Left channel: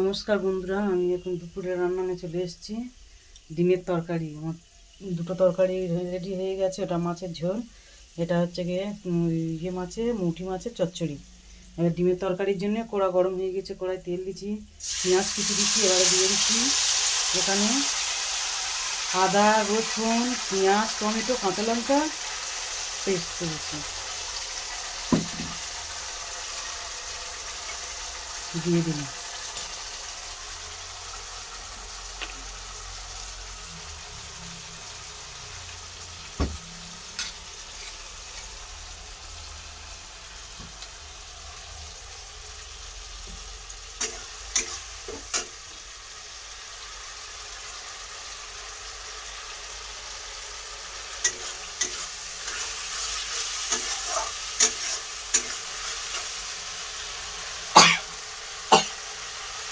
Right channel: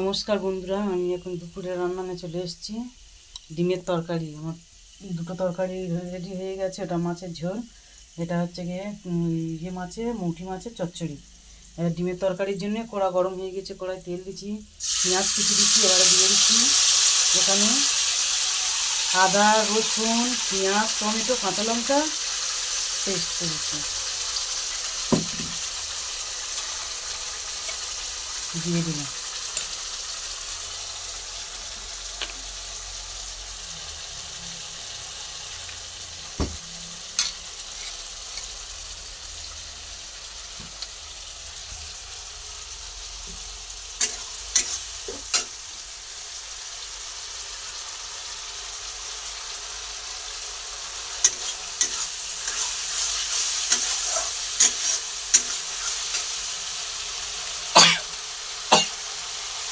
নমস্কার বন্ধুরা, আমি এখন দুপুরে রান্না নিয়ে চলে এসেছি। ডিমের তরকারি, আমার দুটো তরকারি রেডি হয়ে গেছে। ওটা মাছের ঝোল, এটা হচ্ছে গিয়ে মুটি মাছের চচ্চড়ি। এবার ডিমের তরকারির জন্য কড়া গরম হয়ে গেছে, কড়াই তেল দিচ্ছি, পেঁয়াজ কুচি দিচ্ছি। এবারে দিয়ে দিচ্ছি এখানে আদা, রসুন, পেঁয়াজ, টমেটো, কাঁচা লঙ্কা পেস্ট করেছি, দিয়ে দিলাম।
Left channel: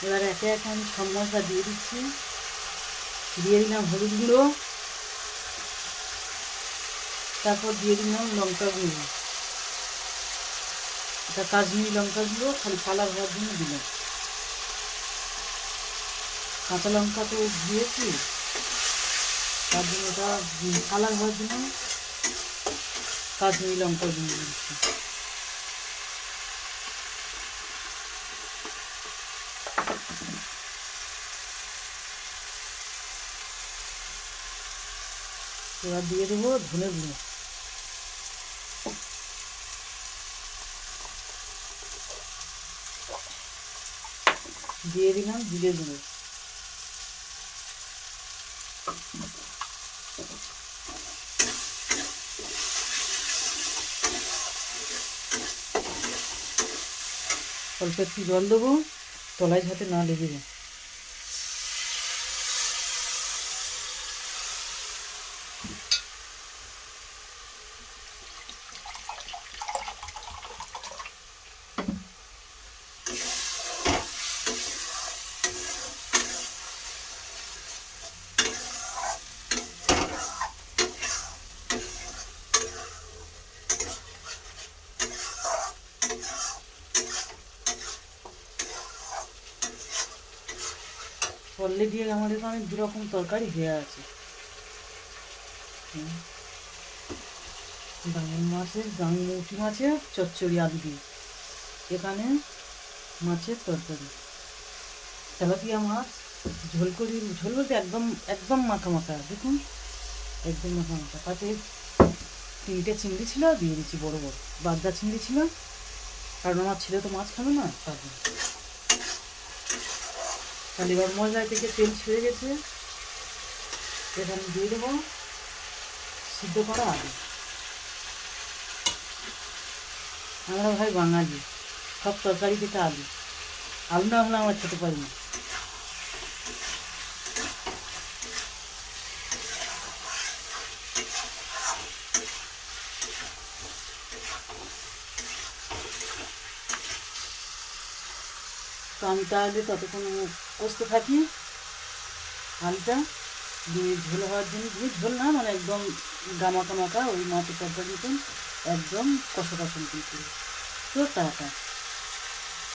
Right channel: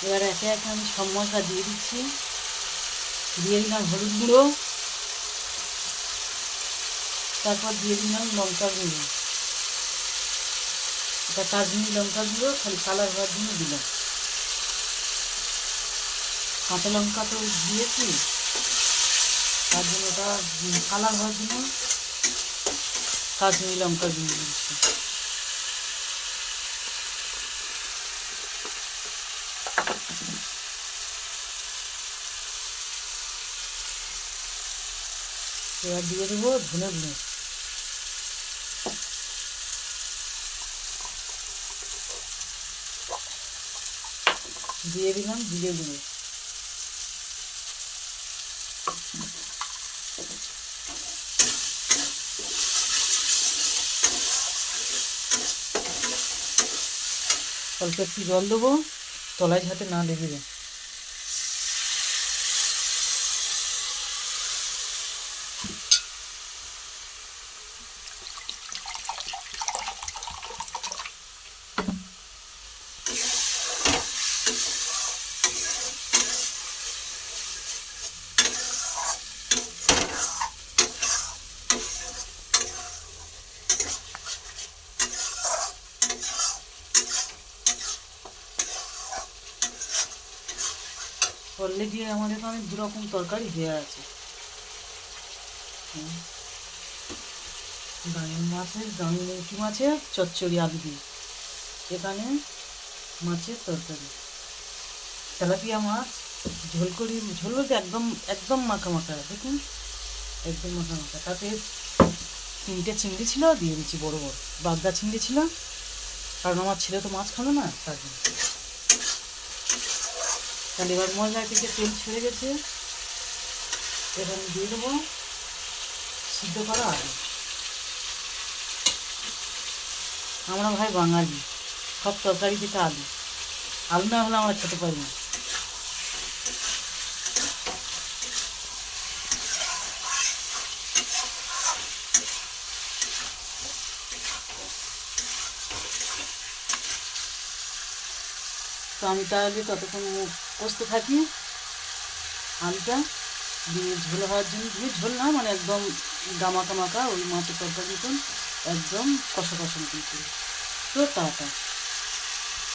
এবার একে একে আমি সব মশলা দিয়ে দিচ্ছি। দিয়ে দিলাম হলুদ গুঁড়ো, তারপর দিয়ে দিলাম লঙ্কা গুঁড়ো। এটা কাশ্মীরি লঙ্কা গুঁড়ো, খালি কালার হওয়ার জন্য দিলাম। কাঁচা লঙ্কা তো দিয়েছি, তার জন্য ওটা কালার হওয়ার জন্য কাশ্মীরি লঙ্কা গুঁড়ো দিচ্ছি। এবার দিয়ে দেবো ধনে গুঁড়ো, দিয়ে দিলাম জিরে গুঁড়ো, অল্প একটু জল দেবো, তলায় যাতে না লেগে যায়। করলে দিয়ে আমার এখানে দুরকম তরকারি হয়ে আছে। মুটি মাছের চচ্চড়ি আলু দিয়ে, এখানে মাছের তরকারি, তেলাপিয়া মাছ ঝোল বলতে একদম একদম মাখা মাখা, দেখুন একদম মাখা মাখা। তাতে 3টে চিংড়ি ছিল, দিয়ে দিচ্ছি বড় বড় বাগদা চিংড়ি ছিল, কারণ আমার ছেলে তো মাছ খাবে না, তার জন্য। তাহলে এবার মশলা থেকে তেল ছেড়ে গেছে, এখানে দিয়ে দেবো সিদ্ধ করা আলু। আমরা ভাই বাঙালি, সব তরকারি থেকে আলু, আলু না হলে আমরা খেতে পারি না। তো আমি তাহলে ততক্ষণ কষতে থাকি আলুটা দিয়ে। ঝোল হওয়ার জন্য, দিয়ে ঝোল না মানে একদম গামাকা মাখা, ওই মাছের তরকারি মতন একদম কষা কষা মতন করে। তো টাটা।